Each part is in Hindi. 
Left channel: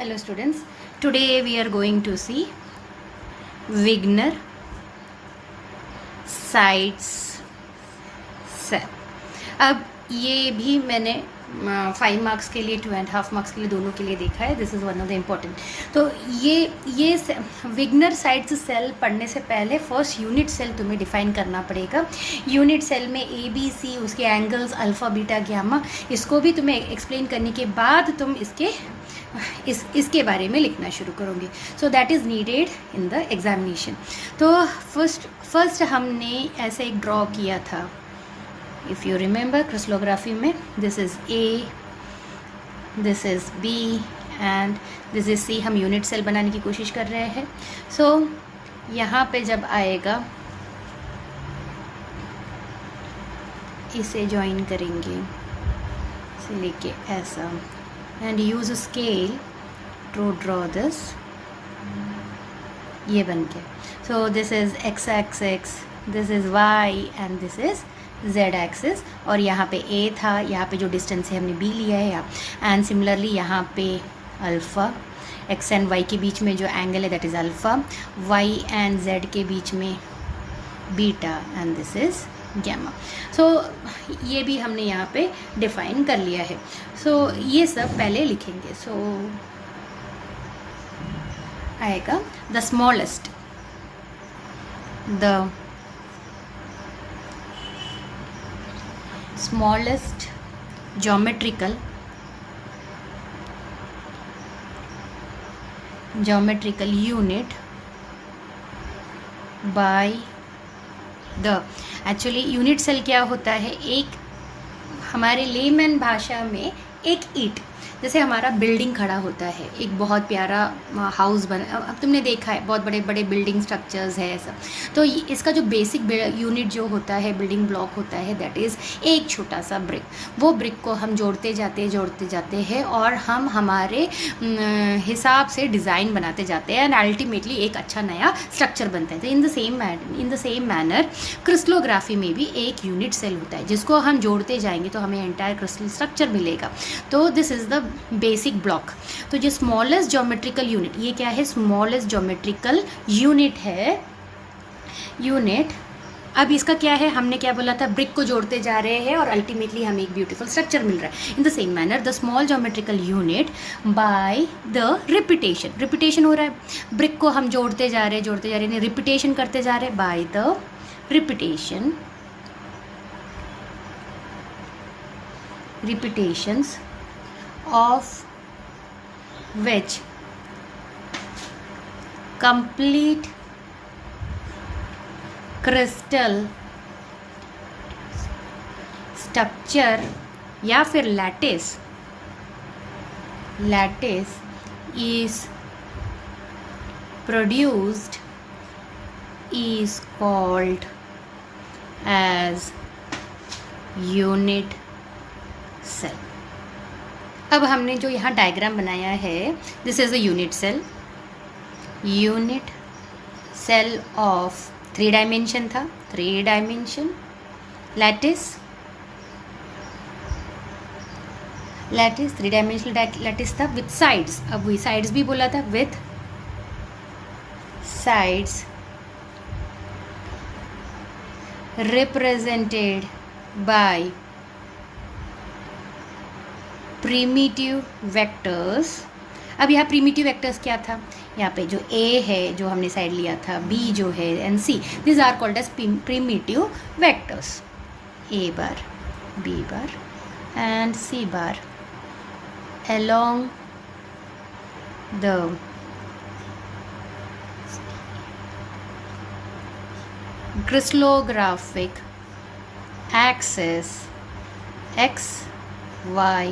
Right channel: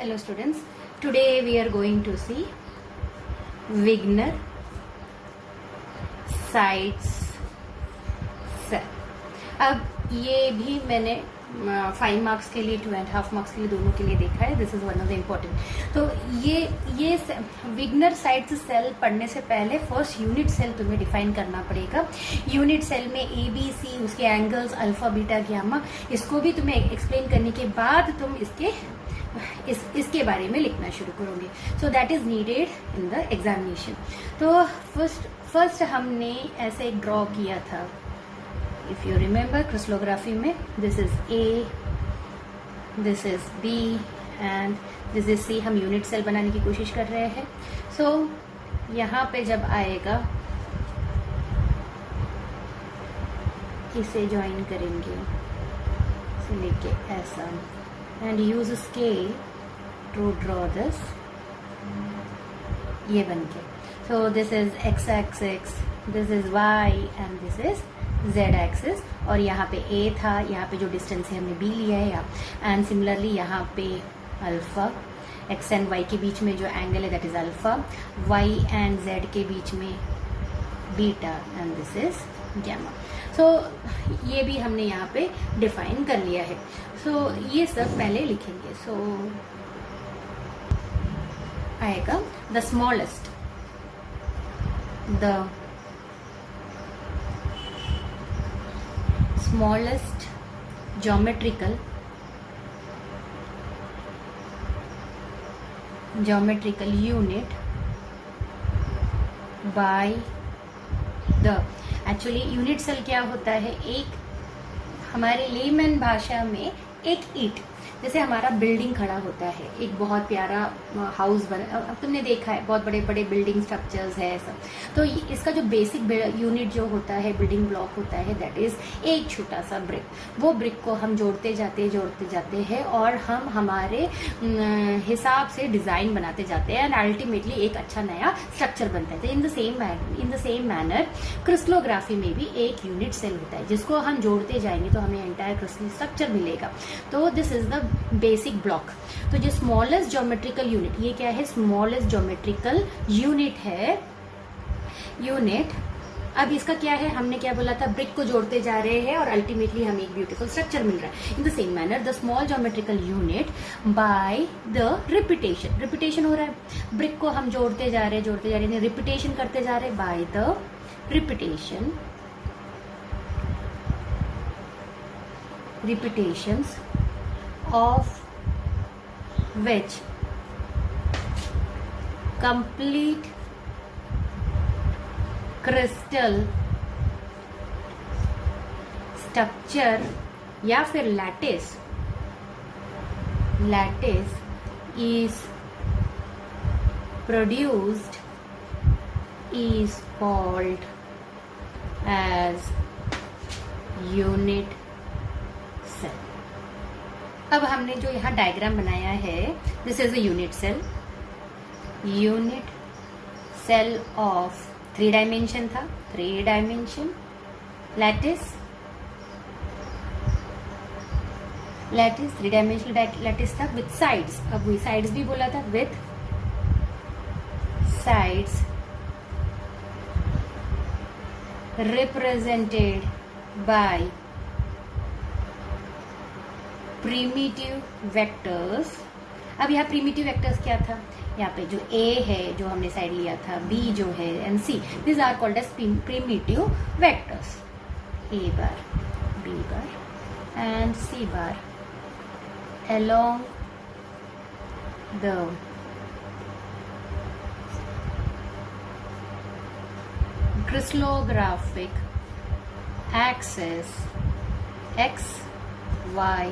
Hello students, today we are going to see Wigner sides cell. अब ये भी मैंने 5 मार्क्स के लिए 2.5 मार्क्स के लिए दोनों के लिए देखा है. This is one of the important. तो ये विग्नर साइड्स सेल पढ़ने से पहले फर्स्ट यूनिट सेल तुम्हें डिफाइन करना पड़ेगा. यूनिट सेल में ए बी सी, उसके एंगल्स अल्फ़ा बीटा गामा, इसको भी तुम्हें एक्सप्लेन करने के बाद तुम इसके बारे में लिखना शुरू करोगे. So that is needed in the examination. तो फर्स्ट हमने ऐसे एक ड्रॉ किया था. If you remember crystallography में this is A, this is B and this is C. हम यूनिट सेल बनाने की कोशिश कर रहे हैं. So यहाँ पे जब आएगा इसे ज्वाइन करेंगे, इसे लेके ऐसा and use scale to draw this. ये बन के so this is x axis, this is y and this is z axis. और यहाँ पे a था, यहाँ पे जो डिस्टेंस है हमने b लिया है यहाँ. एंड सिमिलरली यहाँ पे अल्फ़ा, x एंड y के बीच में जो एंगल है that is alpha, y and z के बीच में beta and this is gamma. So ये भी हमने यहाँ पे डिफाइन कर लिया है. सो ये सब पहले लिखेंगे. सो आएगा the smallest, the smallest geometrical unit by the. Actually unit cell क्या होता है? एक हमारे लेमैन भाषा में एक ईंट, जैसे हमारा बिल्डिंग खड़ा होता है, एक बहुत प्यारा हाउस बना. अब तुमने देखा है बहुत बड़े बड़े बिल्डिंग स्ट्रक्चर्स है ऐसा. तो इसका जो बेसिक यूनिट जो होता है, बिल्डिंग ब्लॉक होता है, दैट इज़ एक छोटा सा ब्रिक. वो ब्रिक को हम जोड़ते जाते हैं और हम हमारे हिसाब से डिज़ाइन बनाते जाते हैं एंड अल्टीमेटली एक अच्छा नया स्ट्रक्चर बनता है. तो in the same manner crystallography में भी एक यूनिट सेल होता है जिसको हम जोड़ते जाएंगे तो हमें एंटायर क्रिस्टल स्ट्रक्चर मिलेगा. तो this is the basic block. तो जो स्मॉलेस्ट ज्योमेट्रिकल यूनिट, ये क्या है? स्मॉलेस्ट ज्योमेट्रिकल यूनिट है. यूनिट अब इसका क्या है? हमने क्या बोला था? ब्रिक को जोड़ते जा रहे हैं और अल्टीमेटली हमें एक ब्यूटीफुल स्ट्रक्चर मिल रहा है. In the same manner the small geometrical unit by the repetition हो रहा है. ब्रिक को हम जोड़ते जा रहे हैं, रिपीटेशन करते जा रहे हैं by the repetitions of which complete crystal structure या फिर lattice is produced is called as unit cell. अब हमने जो यहाँ डायग्राम बनाया है, this is a unit cell of 3 dimension था, 3 डायमेंशन लैटिस 3 डायमेंशनल लैटिस था विथ साइड्स. अब वही साइड्स भी बोला था, with sides represented by primitive vectors. अब यहाँ प्रीमिटिव वेक्टर्स क्या था? यहाँ पे जो A है जो हमने साइड लिया था, B जो है and C, this are called as primitive vectors. A bar, B bar and C bar along the crystallographic axis X, Y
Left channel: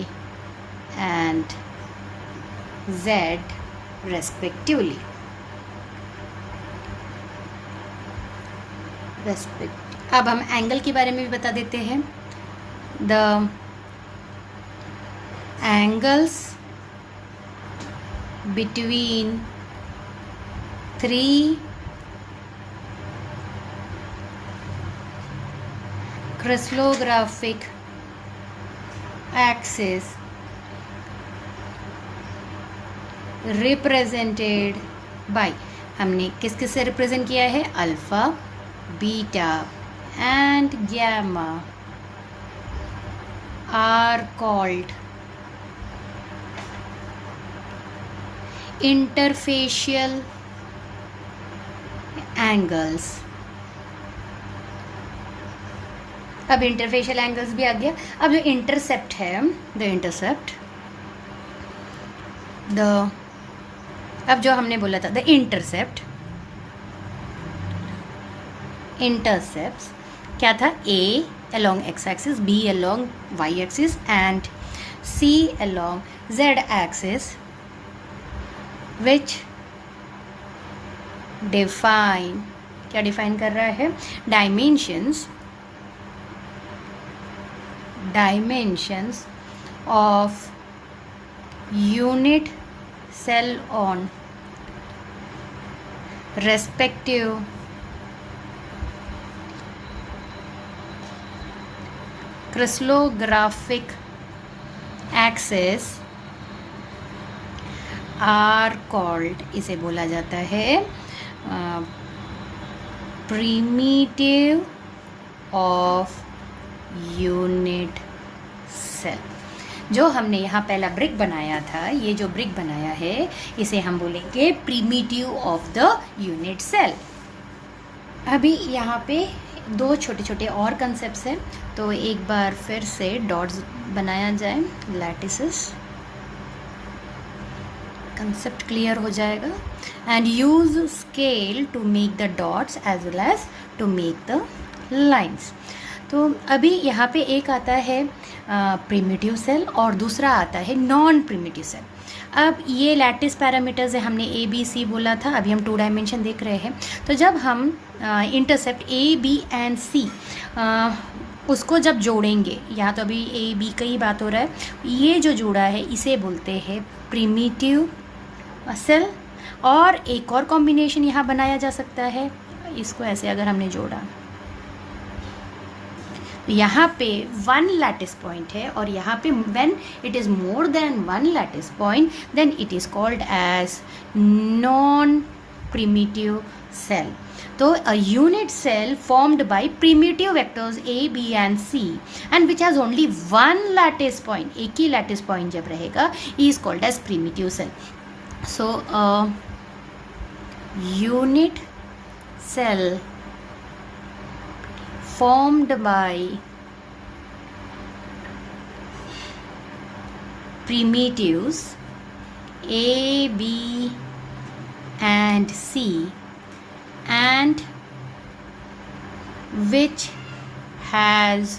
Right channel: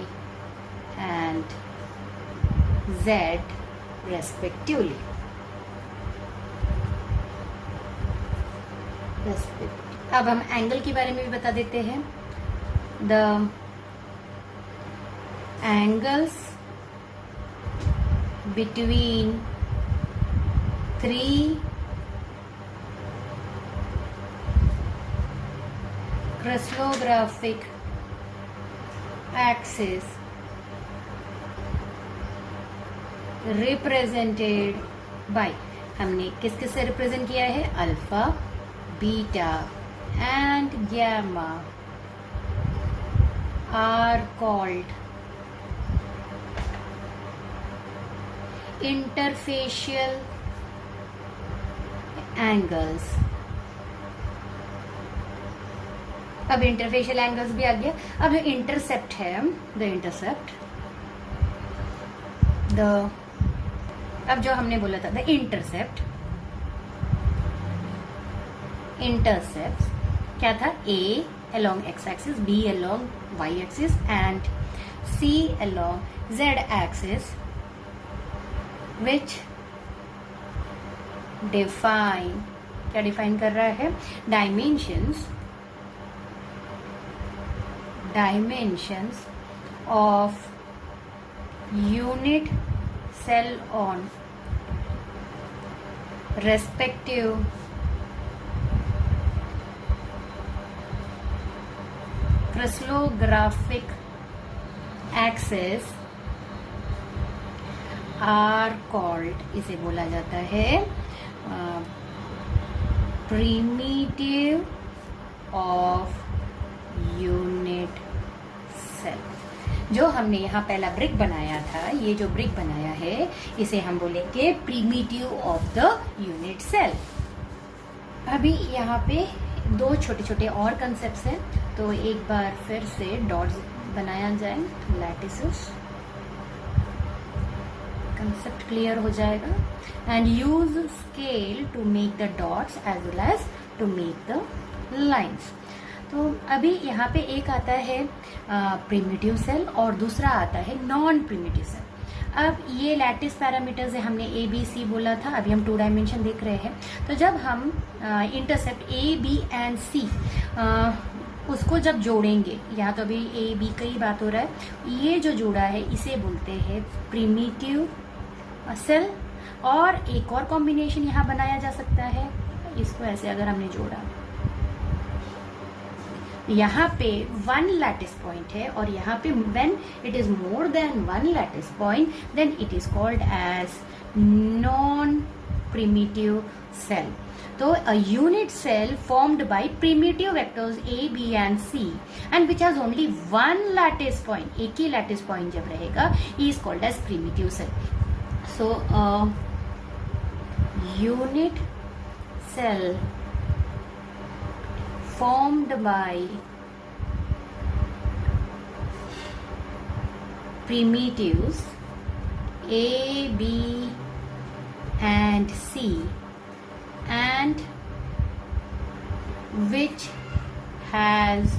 and Z respectively. अब हम एंगल के बारे में भी बता देते हैं. The angles between 3 crystallographic axis represented by, हमने किस किस से रिप्रेजेंट किया है, alpha, beta and gamma are called interfacial angles. अब इंटरफेशियल एंगल्स भी आ गया। अब जो इंटरसेप्ट है, द इंटरसेप्ट, द, अब जो हमने बोला था द इंटरसेप्ट, इंटरसेप्ट्स क्या था, ए along x axis, b along y axis and c along z axis, which define, क्या डिफाइन कर रहा है, dimensions of unit cell on respective crystallographic axis are called, इसे बोला जाता है primitive of unit cell। जो हमने यहाँ पहला ब्रिक बनाया था, ये जो ब्रिक बनाया है इसे हम बोलेंगे primitive of the unit cell. अभी यहाँ पे दो छोटे छोटे और कंसेप्ट्स हैं, तो एक बार फिर से डॉट्स बनाया जाए, लैटिसेस, कंसेप्ट क्लियर हो जाएगा। And use scale to make the dots as well as to make the lines. तो अभी यहाँ पे एक आता है प्रिमिटिव सेल और दूसरा आता है नॉन प्रिमिटिव सेल। अब ये लैटिस पैरामीटर्स है, हमने ए बी सी बोला था, अभी हम 2 डायमेंशन देख रहे हैं। तो जब हम इंटरसेप्ट ए बी एंड सी उसको जब जोड़ेंगे, यहाँ तो अभी ए बी का ही बात हो रहा है, ये जो जोड़ा है इसे बोलते हैं प्रिमिटिव सेल। और एक और कॉम्बिनेशन यहाँ बनाया जा सकता है, इसको ऐसे अगर हमने जोड़ा, यहाँ पे 1 लैटिस पॉइंट है और यहाँ पे when it is more than 1 lattice point then it is called as non primitive cell. तो a unit cell formed by primitive vectors A B and C and which has only 1 lattice point, एक ही लैटिस पॉइंट जब रहेगा, is called as primitive cell. So unit cell formed by primitives A, B and C and which has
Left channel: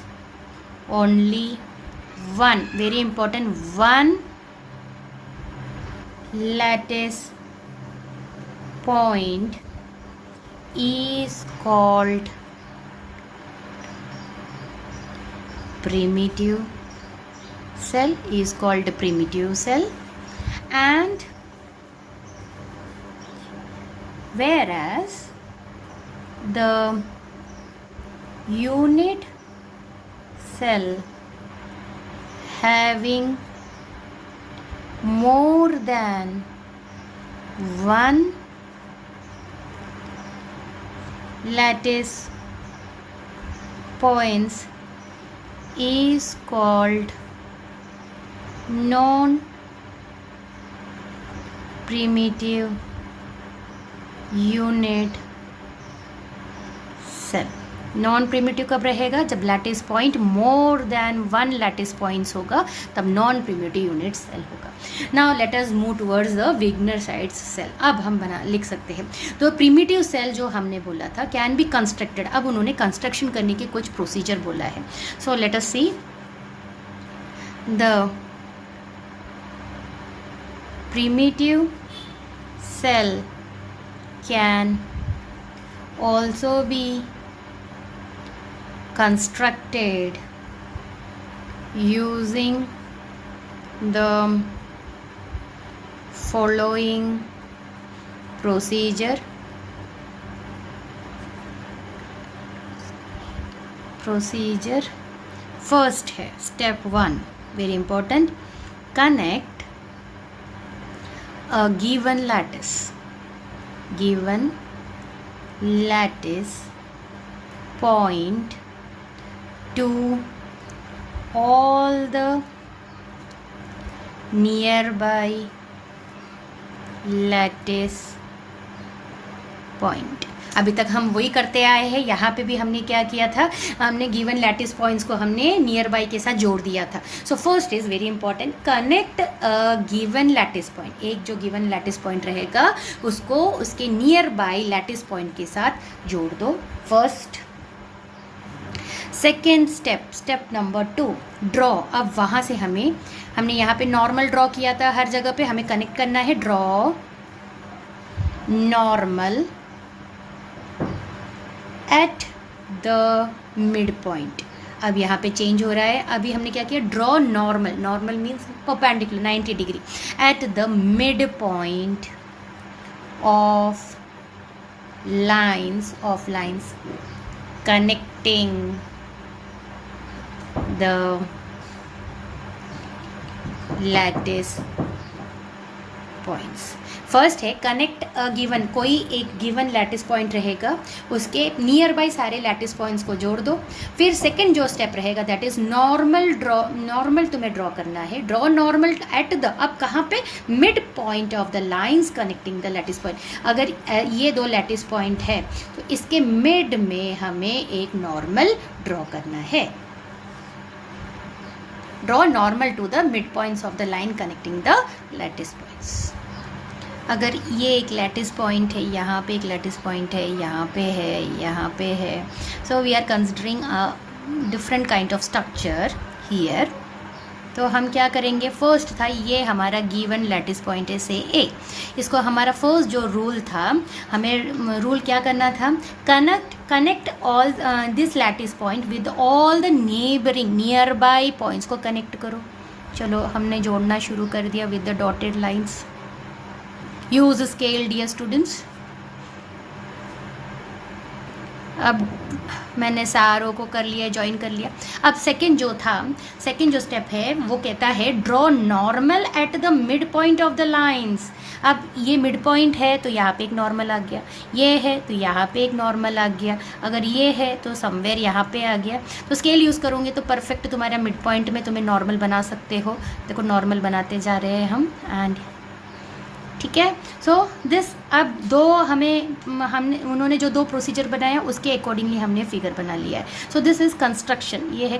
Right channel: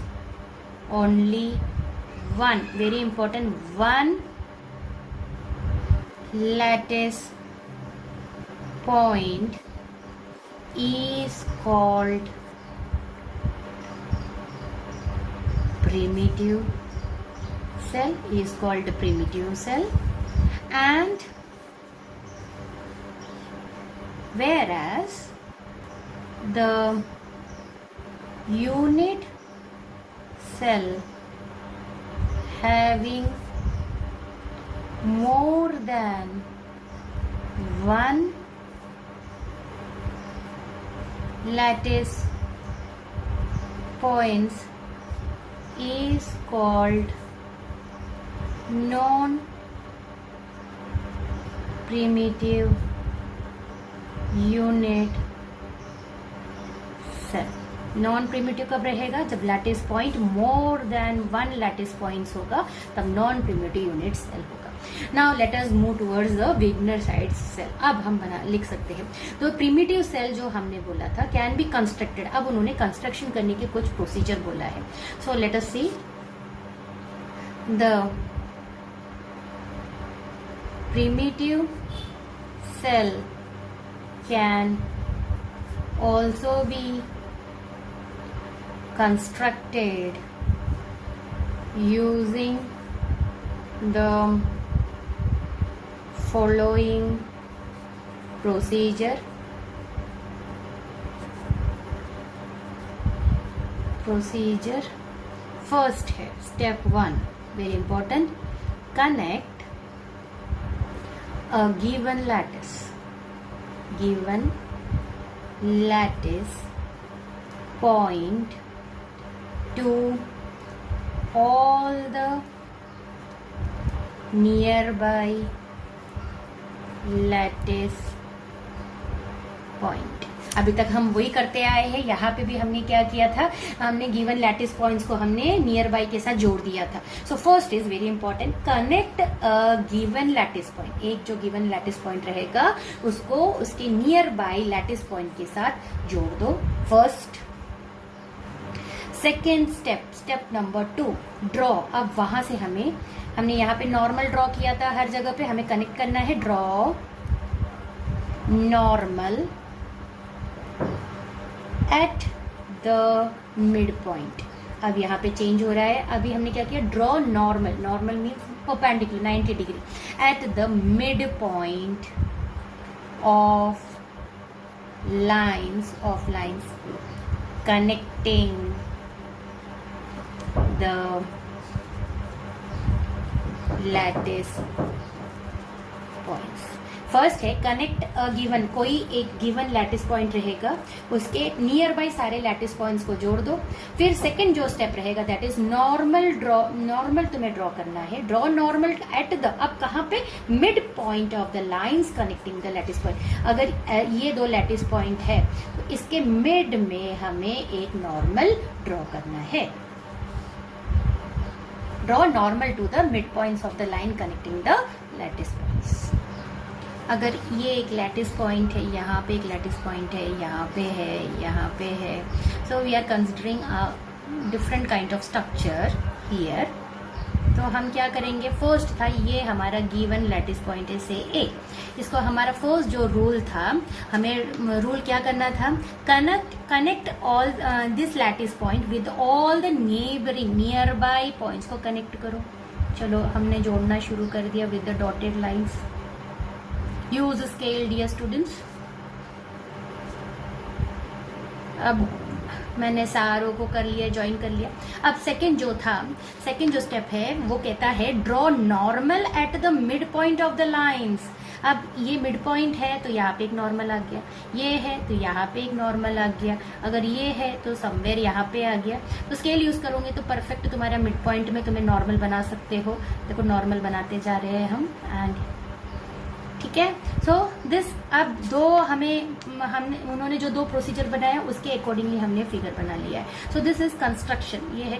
only one, very important, one lattice point is called primitive cell, is called primitive cell। And whereas the unit cell having more than 1 lattice points is called non-primitive unit cell। Non primitive कब रहेगा, जब lattice point more than 1 lattice points होगा, तब नॉन प्रिमिटिव यूनिट सेल होगा। Now let us move towards the Wigner Seitz cell. अब हम लिख सकते हैं, तो प्रिमिटिव सेल जो हमने बोला था कैन बी कंस्ट्रक्टेड, अब उन्होंने कंस्ट्रक्शन करने के कुछ प्रोसीजर बोला है। So let us see the primitive cell can also be constructed using the following procedure first है step 1, very important, connect a given lattice point to all the nearby lattice point. अभी तक हम वही करते आए हैं. यहाँ पे भी हमने क्या किया था, हमने गिवन लैटिस पॉइंट्स को हमने नियर बाई के साथ जोड़ दिया था. So first is very important, connect given lattice point. एक जो गिवन लैटिस पॉइंट रहेगा उसको उसके नियर बाई लैटिस पॉइंट के साथ जोड़ दो. First. Second step number 2, draw. अब वहाँ से हमने यहाँ पे नॉर्मल ड्रॉ किया था हर जगह पे, हमें कनेक्ट करना है. Draw normal at the mid point. अब यहाँ पे चेंज हो रहा है. अभी हमने क्या किया, draw normal means perpendicular 90 degree at the mid point of lines connecting the lattice points. First है कनेक्ट गिवन, कोई एक गिवन लैटिस पॉइंट रहेगा उसके नियर बाई सारे लैटिस पॉइंट्स को जोड़ दो. फिर सेकंड जो स्टेप रहेगा दैट इज नॉर्मल तुम्हें ड्रॉ करना है. ड्रॉ नॉर्मल एट द, अब कहाँ पे, mid point of the lines connecting the lattice point. अगर ये दो लैटिस पॉइंट है तो इसके मिड में हमें एक नॉर्मल ड्रॉ करना है. Draw normal to the mid points of the line connecting the lattice points. अगर ये एक लैटिस पॉइंट है, यहाँ पे एक लैटिस पॉइंट है, यहाँ पे है, यहाँ पे है, so we are considering a different kind of structure here. तो हम क्या करेंगे, फर्स्ट था ये हमारा गिवन लैटिस पॉइंट है से ए. इसको हमारा फर्स्ट जो रूल था, हमें रूल क्या करना था, connect all this lattice point with all the neighboring nearby points को कनेक्ट करो. चलो हमने जोड़ना शुरू कर दिया with the dotted lines. Use scale dear students. अब मैंने सारों को कर लिया, ज्वाइन कर लिया. अब सेकंड जो स्टेप है वो कहता है draw normal at the mid point of the lines. अब ये मिड पॉइंट है तो यहाँ पे एक नॉर्मल आ गया, ये है तो यहाँ पे एक नॉर्मल आ गया, अगर ये है तो समवेयर यहाँ पे आ गया. तो स्केल यूज़ करोगे तो परफेक्ट तुम्हारा मिड पॉइंट में तुम्हें नॉर्मल बना सकते हो. देखो नॉर्मल बनाते जा रहे हैं हम, एंड ठीक है. सो दिस, अब दो हमने उन्होंने जो दो प्रोसीजर बनाए हैं उसके अकॉर्डिंगली हमने फिगर बना लिया है. So this is construction. ये है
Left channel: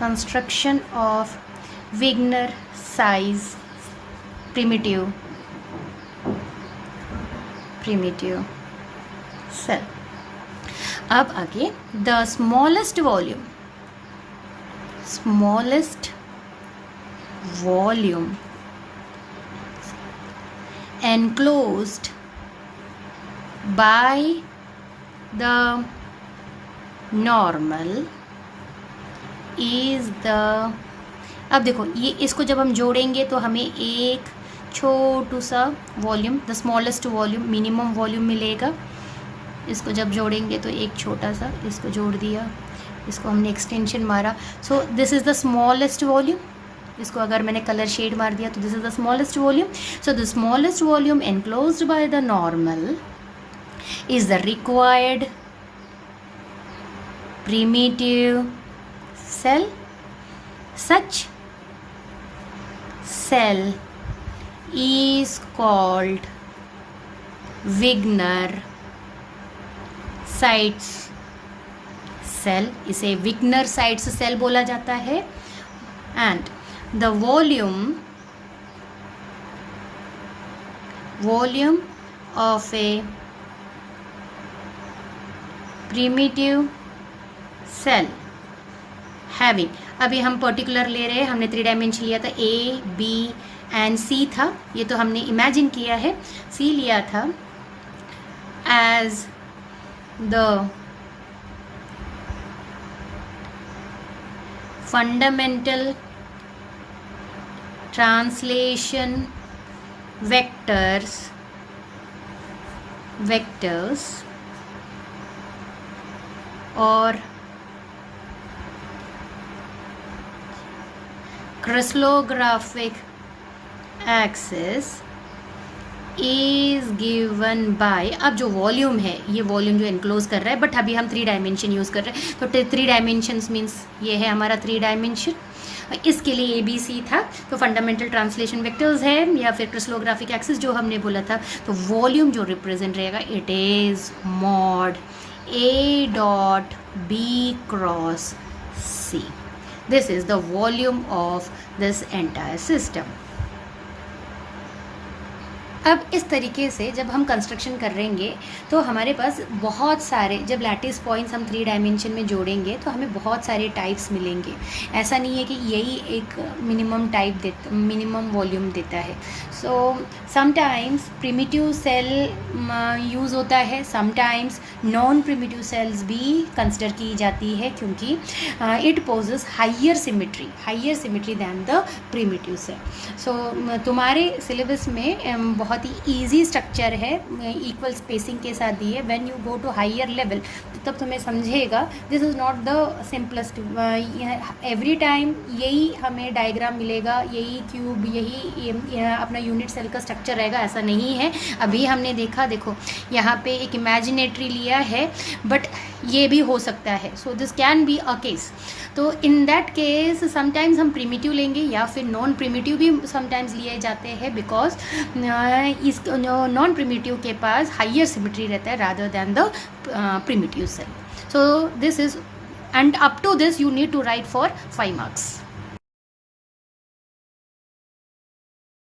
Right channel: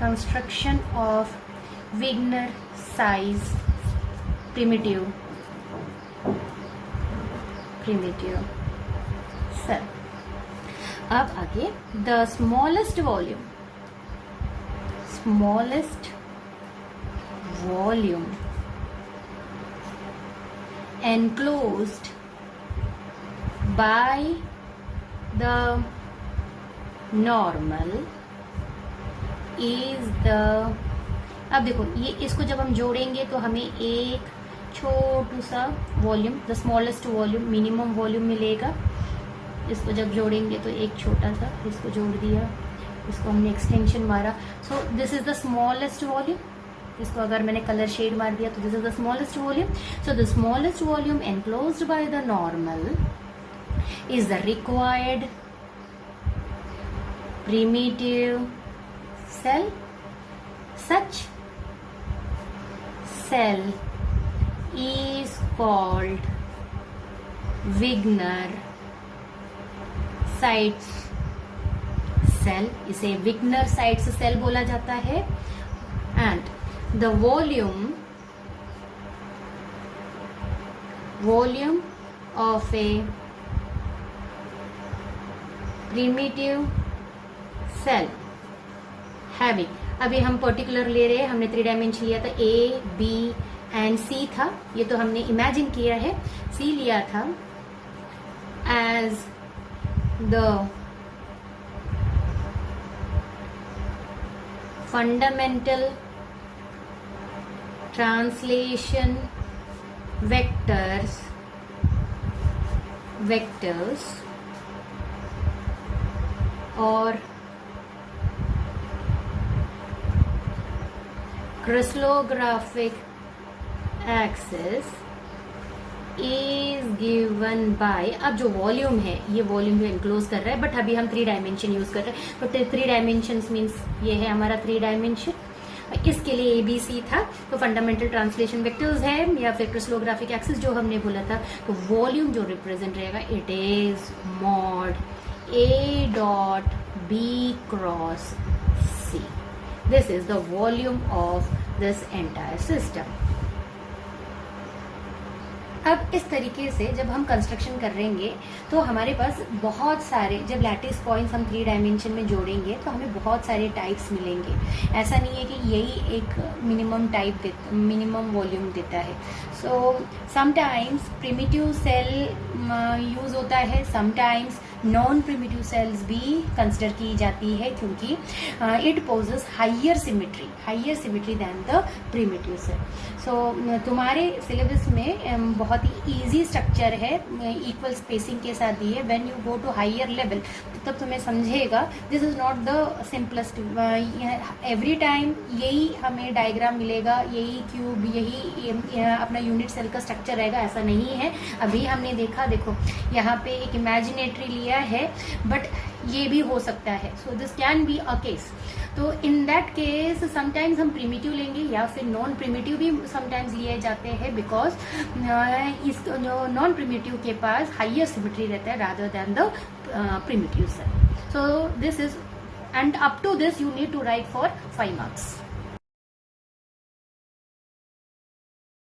कंस्ट्रक्शन ऑफ विग्नर साइज प्रिमिटिव सेल. अब आगे the smallest volume enclosed by the normal is the. अब देखो ये इसको जब हम जोड़ेंगे तो हमें एक छोटू सा volume, the smallest volume, minimum volume मिलेगा. इसको जब जोड़ेंगे तो एक छोटा सा, इसको जोड़ दिया, इसको हमने एक्सटेंशन मारा. So this is the smallest volume. इसको अगर मैंने कलर शेड मार दिया तो this is the smallest volume. So the smallest volume enclosed by the normal is the required primitive cell. Such cell is called Wigner Seitz cell. इसे Wigner Seitz cell बोला जाता है. And the volume of a primitive cell having, अभी हम पर्टिकुलर ले रहे हैं, हमने 3 डायमेंशन लिया था, A, B एंड C था. ये तो हमने इमेजिन किया है, C लिया था as the fundamental translation vectors और crystallographic axis is given by, अब जो वॉल्यूम है, ये वॉल्यूम जो एनक्लोज कर रहा है, बट अभी हम 3 डायमेंशन यूज़ कर रहे हैं, तो 3 डायमेंशंस मीन्स ये है हमारा 3 डायमेंशन। इसके लिए ABC था, तो फंडामेंटल ट्रांसलेशन वेक्टर्स है या फिर क्रिस्टलोग्राफिक एक्सिस जो हमने बोला था। तो वॉल्यूम जो रिप्रेजेंट रहेगा, it is mod A dot B cross C। This is the volume of this entire system. अब इस तरीके से जब हम कंस्ट्रक्शन करेंगे तो हमारे पास बहुत सारे, जब लैटिस पॉइंट्स हम 3 डायमेंशन में जोड़ेंगे तो हमें बहुत सारे टाइप्स मिलेंगे। ऐसा नहीं है कि यही एक मिनिमम टाइप देता, मिनिमम वॉल्यूम देता है। So sometimes primitive cell use होता है, समटाइम्स नॉन प्रिमिटिव सेल्स भी कंसिडर की जाती है, क्योंकि it possesses higher symmetry than the primitive cell. So तुम्हारे सिलेबस में बहुत ही ईजी स्ट्रक्चर है, इक्वल स्पेसिंग के साथ दी है। When you go to higher level तब तुम्हें समझेगा this is not the simplest, every time यही हमें डायग्राम मिलेगा, यही क्यूब, यही अपना यूनिट सेल का स्ट्रक्चर रहेगा, ऐसा नहीं है। अभी हमने देखा, देखो यहाँ पे एक इमेजिनेटरी लिया है, बट ये भी हो सकता है। So this can be a case. तो इन दैट केस समटाइम्स हम प्रिमिटिव लेंगे या फिर नॉन प्रिमिटिव भी समटाइम्स लिए जाते हैं, बिकॉज इस नॉन प्रिमिटिव के पास हाइयर सिमेट्री रहता है rather than the primitive cell. So this is, and up to this you need to write for 5 marks.